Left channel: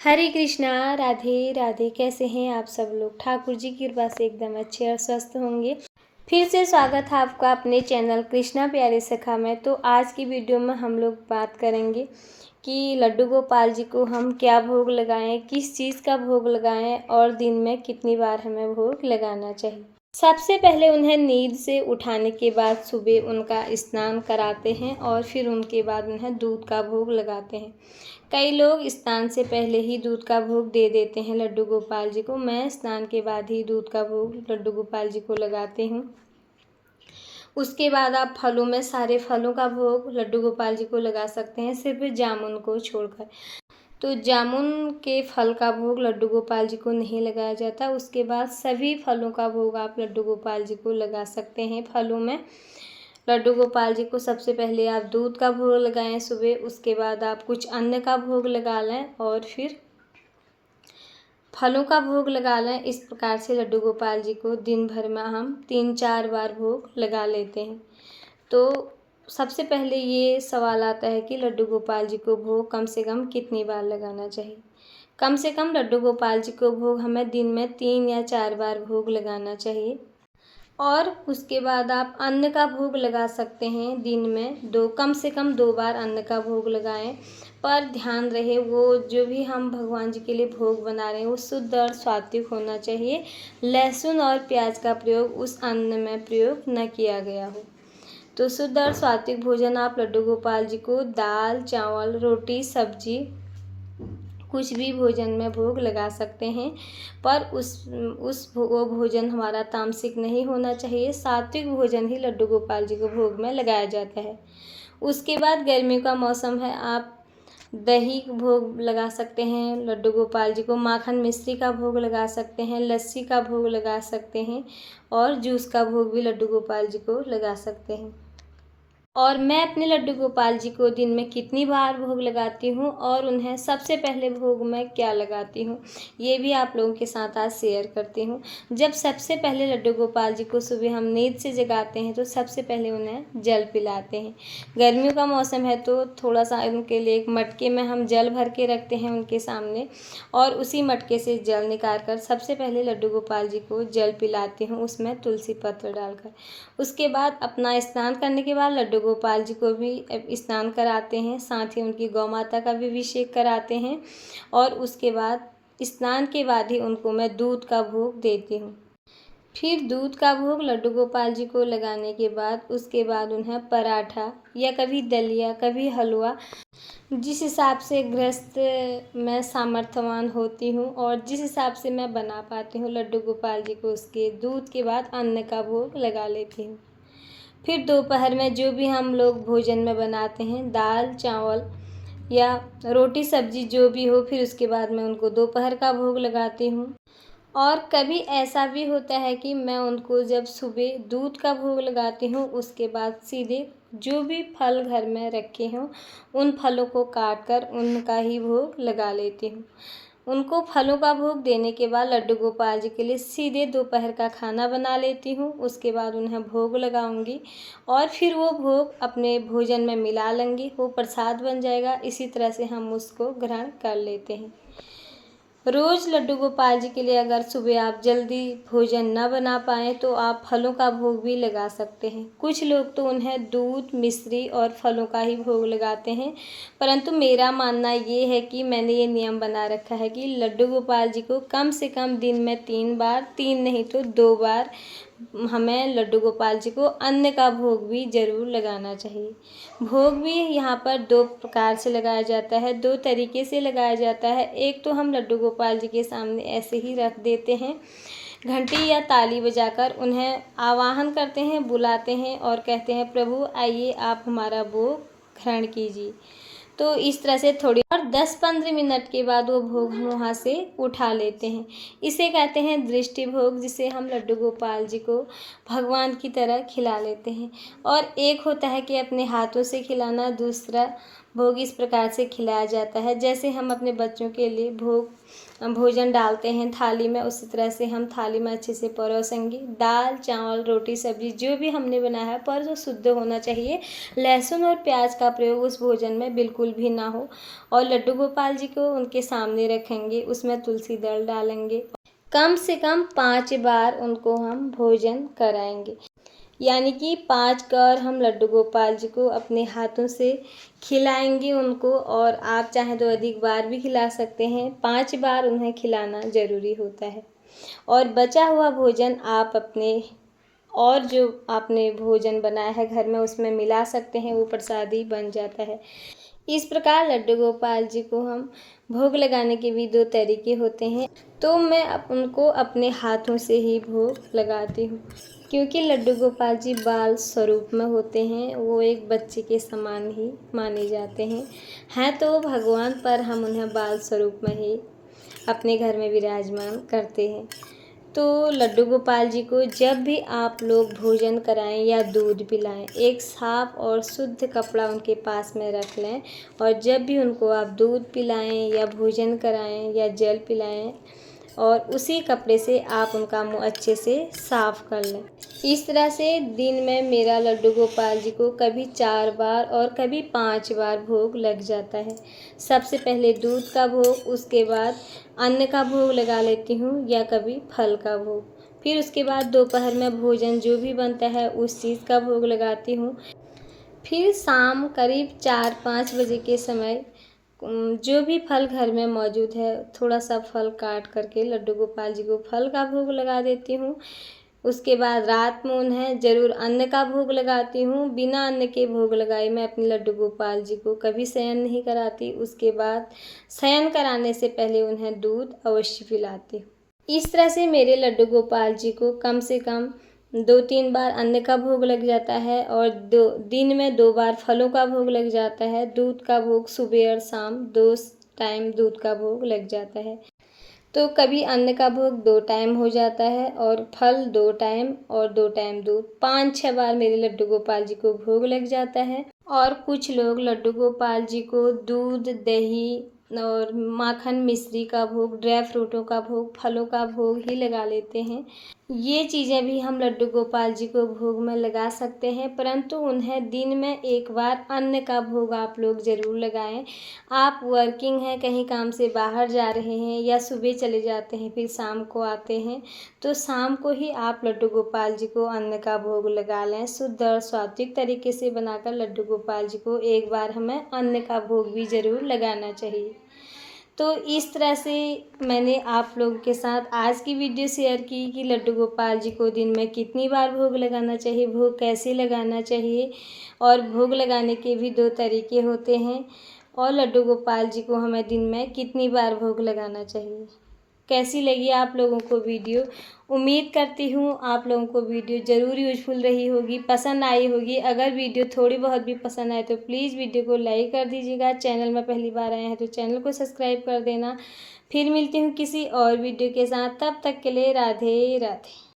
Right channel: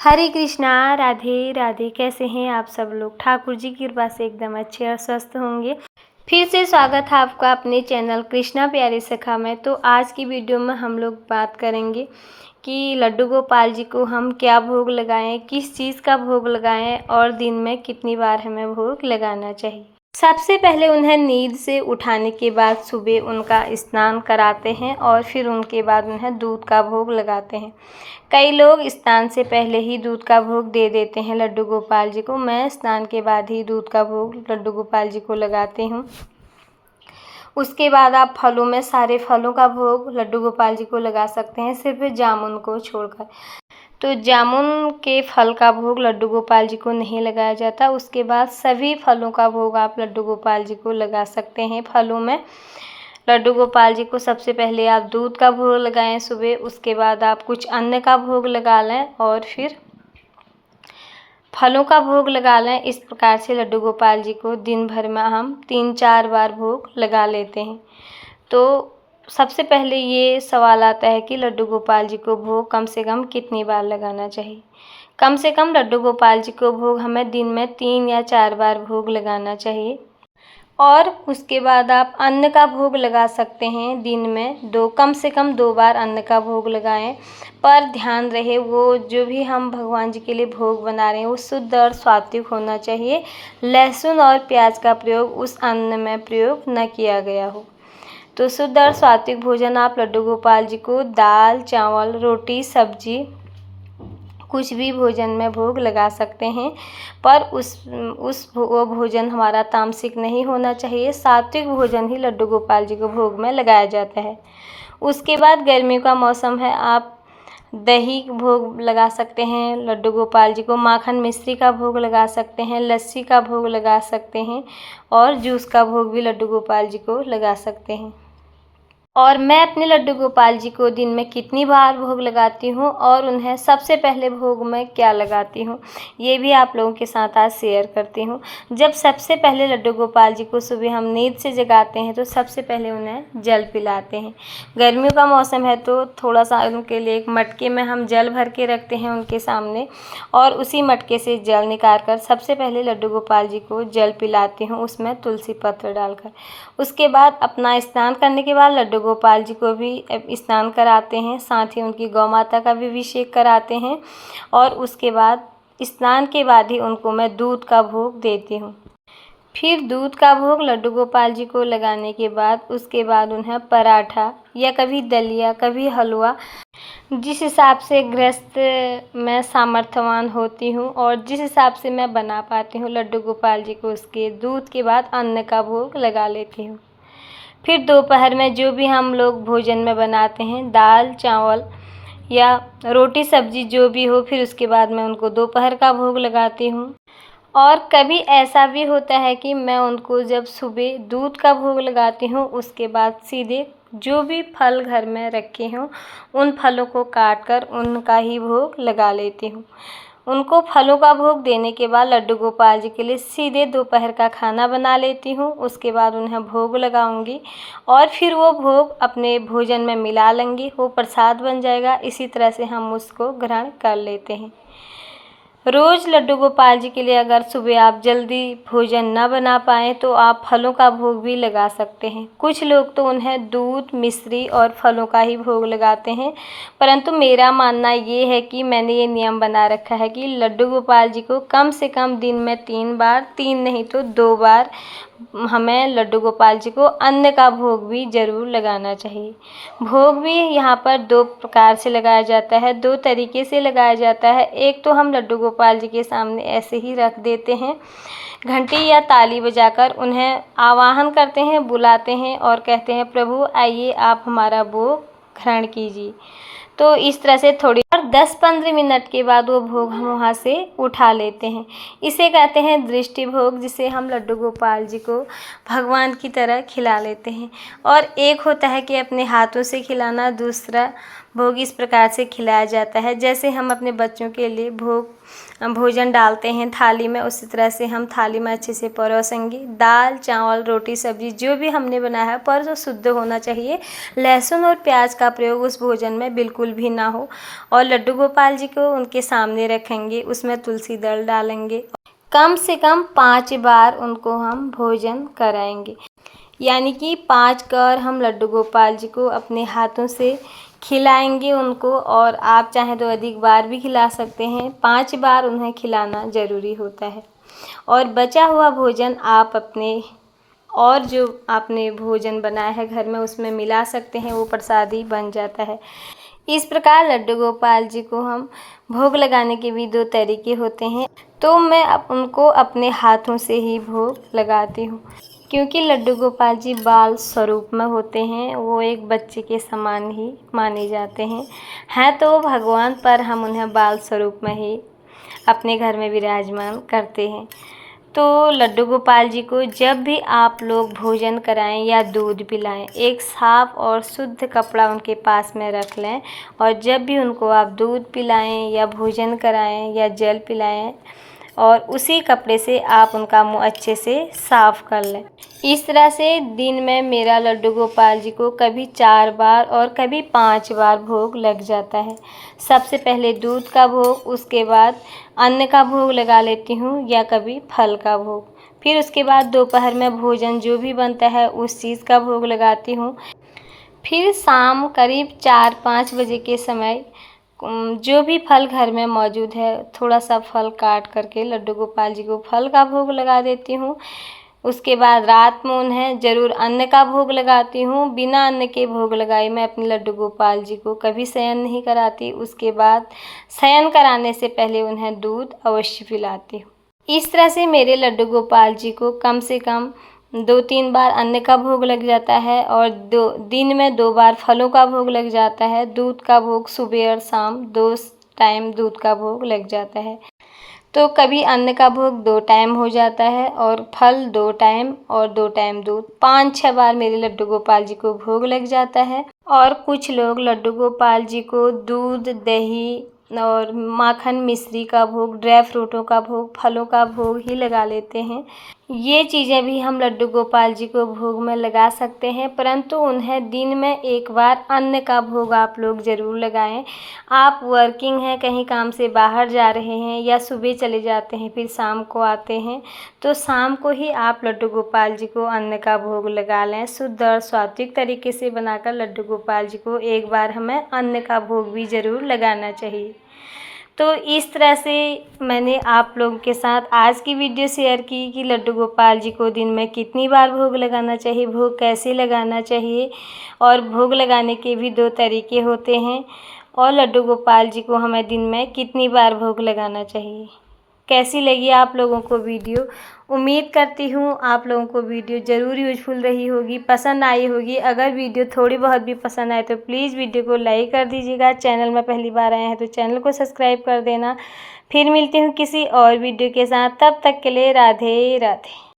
हरे कृष्णा, राधे राधे। कैसे हैं आप सब लोग? ठाकुर जी की कृपा से एकदम अच्छे और स्वस्थ होंगे। फिर से स्वागत है आपका अपने चैनल कृष्णा प्यारी सखा में। तो आज की वीडियो में हम लोग बात करेंगे कि लड्डू गोपाल जी को हम क्या भोग लगाएं, किस चीज़ का भोग लगाएं और दिन में कितनी बार हमें भोग लगाना चाहिए। सबसे पहले उन्हें नींद से उठाने के बाद सुबह उनका स्नान कराते हैं और फिर उनके बाद उन्हें दूध का भोग लगाते हैं। कई लोग स्नान से पहले ही दूध का भोग दे देते हैं लड्डू गोपाल जी को। मैं स्नान के बाद ही दूध का भोग लड्डू गोपाल जी को लगाती हूँ। उसके बाद आप फलों में सारे फलों का भोग लड्डू गोपाल जी को लगा सकते हैं, सिर्फ जामुन को छोड़कर। तो जामुन के फल का भोग लड्डू गोपाल जी को नहीं लगाया जाता। उसके बाद सभी फलों का भोग आप लड्डू गोपाल जी को लगा सकते हैं। फलों में लड्डू गोपाल जी को सबसे पहले आप दूध का भोग लगाएं सुबह, उसके बाद आप कुछ अन्न का भोग लगा लें और फिर फलों का भोग लगा लें। इस प्रकार से लड्डू गोपाल जी को दिन भर में हम 3-4 बार भोग लगा लेते हैं। तो सबसे पहले ये सवाल आता है कि लड्डू गोपाल जी को भोग कम से कम कितनी बार लगाना चाहिए। कम से कम लड्डू गोपाल जी को भोग हमें दिन में 3 या 4 बार भोग लगाना चाहिए। और उसके बाद आप अन्न का भोग लगा सकते हैं। दिन में कम से कम 2 बार अन्न का भोग लगाएं, पर ध्यान रहे वो जो भी हम भगवान जी के लिए भोग बना रहे हैं वो शुद्ध और सात्विक होना चाहिए। लहसुन और प्याज का प्रयोग उस अन्न में प्रयोग न किया गया हो। तो शुद्ध और सात्विक भोजन आप लड्डू गोपाल जी को दाल, चावल, रोटी, सब्जी, कुछ भी भोजन में भोग लगा सकते हैं, पर वो भोजन हमारा तामसिक नहीं होना चाहिए। सात्विक भोजन ही लड्डू गोपाल जी को भोग में लगाया जाता है। उसके बाद गर्मियों का मौसम है, आप दही भोग लगा सकते हैं लड्डू गोपाल जी को, माखन मिश्री का भोग लगा सकते हैं, लस्सी का भोग लगा सकते हैं और जूस का भोग भी लड्डू गोपाल जी को लगा सकते हैं। और मैं अपने लड्डू गोपाल जी को दिन में कितनी बार भोग लगाती हूँ और उन्हें सबसे पहले भोग में क्या लगाती हूँ, ये भी आप लोगों के साथ आज शेयर करती हूँ। जब सबसे पहले लड्डू गोपाल जी को सुबह हम नींद से जगाते हैं तो सबसे पहले उन्हें जल पिलाते हैं। गर्मियों का मौसम है तो थोड़ा सा उनके लिए एक मटके में हम जल भर के रखते हैं उनके सामने, और उसी मटके से जल निकाल कर सबसे पहले लड्डू गोपाल जी को जल पिलाती हूँ, उसमें तुलसी पत्र डालकर। उसके बाद अपना स्नान करने के बाद लड्डू गोपाल जी को भी स्नान कराते हैं, साथ ही उनकी गौ माता का भी अभिषेक कराते हैं और उसके बाद स्नान के बाद ही उनको मैं दूध का भोग देती हूँ। फिर दूध का भोग लड्डू गोपाल जी को लगाने के बाद उसके बाद उन्हें पराठा या कभी दलिया, कभी हलवा, जिस हिसाब से गृहस्थ मैं सामर्थ्यवान होती हूँ और जिस हिसाब से मैं बना पाती हूँ लड्डू गोपाल जी को, उसके दूध के बाद अन्न का भोग लगा लेती हूँ। फिर दोपहर में जो भी हम लोग भोजन में बनाते हैं, दाल, चावल या रोटी, सब्जी जो भी हो, फिर उसके बाद मैं उनको दोपहर का भोग लगाती हूँ। और कभी ऐसा भी होता है कि मैं उनको जब सुबह दूध का भोग लगाती हूँ उसके बाद सीधे जो भी फल घर में रखे हों उन फलों को काट कर उनका ही भोग लगा लेती हूँ। उनको फलों का भोग देने के बाद लड्डू गोपाल जी के लिए सीधे दोपहर का खाना बना लेती हूँ। उसके बाद उन्हें भोग लगाऊंगी और फिर वो भोग अपने भोजन में मिला लेंगी, वो प्रसाद बन जाएगा। इसी तरह से हम उसको ग्रहण कर लेते हैं। रोज़ लड्डू गोपाल जी के लिए अगर सुबह आप जल्दी भोजन न बना पाएँ तो आप फलों का भोग भी लगा सकते हैं। कुछ लोग तो उन्हें दूध, मिश्री और फलों का ही भोग लगाते हैं, परंतु मेरा मानना ये है कि मैंने ये नियम बना रखा है कि लड्डू गोपाल जी को कम से कम दिन में 3 बार, 3 नहीं तो 2 बार हमें लड्डू गोपाल जी को अन्न का भोग भी ज़रूर लगाना चाहिए। भोग भी यहाँ पर 2 प्रकार से लगाया जाता है, 2 तरीके से लगाया जाता है। एक तो हम लड्डू गोपाल जी के सामने ऐसे ही रख देते हैं, घंटी या ताली बजाकर उन्हें आवाहन करते हैं, बुलाते हैं और कहते हैं प्रभु आइए आप हमारा भोग ग्रहण कीजिए। तो इस तरह से थोड़ी और 10-15 मिनट के बाद वो भोग हम वहाँ से उठा लेते हैं। इसे कहते हैं दृष्टि भोग, जिसे हम लड्डू गोपाल जी को भगवान की तरह खिला लेते हैं। और एक होता है कि अपने हाथों से खिलाना, दूसरा भोग इस प्रकार से खिलाया जाता है। जैसे हम अपने बच्चों के लिए भोजन डालते हैं थाली में, उसी तरह से हम थाली में अच्छे से परोसेंगे। दाल चावल रोटी सब्जी जो भी हमने बनाया है पर जो शुद्ध होना चाहिए, लहसुन और प्याज का प्रयोग उस भोजन में बिल्कुल भी ना हो। और लड्डू गोपाल जी को उनके सामने रखेंगे, उसमें तुलसी दल डालेंगे। कम से कम 5 बार उनको हम भोजन कराएंगे, यानी कि 5 बार हम लड्डू गोपाल जी को अपने हाथों से खिलाएंगे उनको। और आप चाहें तो अधिक बार भी खिला सकते हैं, 5 बार उन्हें खिलाना ज़रूरी होता है। और बचा हुआ भोजन आप अपने और जो आपने भोजन बनाया है घर में उसमें मिला सकते हैं, वो प्रसादी बन जाता है। इस प्रकार लड्डू गोपाल जी को हम भोग लगाने के भी 2 तरीके होते हैं, तो मैं उनको अपने हाथों से ही भोग लगाती हूँ, क्योंकि लड्डू गोपाल जी बाल स्वरूप में होते हैं, वो एक बच्चे के समान ही माने जाते हैं तो भगवान, पर हम उन्हें बाल स्वरूप में ही अपने घर में विराजमान करते हैं। तो लड्डू गोपाल जी को जब भी आप लोग भोजन कराएं या दूध पिलाएं, एक साफ़ और शुद्ध कपड़ा उनके पास में रख लें। और जब भी उनको आप दूध पिलाएं या भोजन कराएं या जल पिलाएं, और उसी कपड़े से आप उनका मुंह अच्छे से साफ़ कर लें। इस तरह से दिन में मेरा लड्डू गोपाल जी को कभी 4 बार और कभी 5 बार भोग लग जाता है। सबसे पहले दूध का भोग, उसके बाद अन्न का भोग लगा लेती हूँ या कभी फल का भोग। फिर उसके बाद दोपहर में भोजन जो भी बनता है उस चीज़ का भोग लगाती हूँ। फिर शाम करीब 4-5 बजे के समय जो भी फल घर में मौजूद है, थोड़ा सा फल काट करके लड्डू गोपाल जी को फल का भोग लगा देती हूँ। उसके बाद रात में उन्हें ज़रूर अन्न का भोग लगाती हूँ। बिना अन्न के भोग लगाए मैं अपने लड्डू गोपाल जी को कभी शयन नहीं कराती। उसके बाद शयन कराने से पहले उन्हें दूध अवश्य पिलाती हूँ। इस तरह से मेरे लड्डू गोपाल जी को कम से कम 2-3 बार अन्न का भोग लग जाता है, और दिन में 2 बार फलों का भोग लग जाता है। दूध का भोग सुबह और शाम 2 टाइम दूध का भोग लग जाता है। तो कभी अन्न का भोग 2 टाइम हो जाता है, और फल 2 टाइम और 2 टाइम दूध, 5-6 बार मेरे लड्डू गोपाल जी को भोग लग जाता है। और कुछ लोग लड्डू गोपाल जी को दूध दही और माखन मिश्री का भोग, ड्राई फ्रूटों का भोग, फलों का भोग ही लगा लेते हैं। ये चीज़ें भी हम लड्डू गोपाल जी को भोग में लगा सकते हैं, परंतु उन्हें दिन में 1 बार अन्न का भोग आप लोग ज़रूर लगाएं। आप वर्किंग हैं, कहीं काम से बाहर जा रहे हैं या सुबह चले जाते हैं फिर शाम को आते हैं, तो शाम को ही आप लड्डू गोपाल जी को अन्न का भोग लगा लें। शुद्ध और सात्विक तरीके से बनाकर लड्डू गोपाल जी को 1 बार हमें अन्न का भोग भी ज़रूर लगाना चाहिए। तो इस तरह से मैंने आप लोगों के साथ आज की वीडियो शेयर की कि लड्डू गोपाल जी को दिन में कितनी बार भोग लगाना चाहिए, भोग कैसे लगाना चाहिए, और भोग लगाने के भी 2 तरीके होते हैं, और लड्डू गोपाल जी को हमें दिन में कितनी बार भोग लगाना चाहिए। कैसी लगी आप लोगों को वीडियो? उम्मीद करती हूँ आप लोगों को वीडियो ज़रूर यूजफुल रही होगी, पसंद आई होगी। अगर वीडियो थोड़ी बहुत भी पसंद आए तो प्लीज़ वीडियो को लाइक कर दीजिएगा। चैनल में पहली बार आए हैं तो चैनल को सब्सक्राइब कर देना। फिर मिलती हूँ किसी और वीडियो के साथ, तब तक के लिए राधे राधे।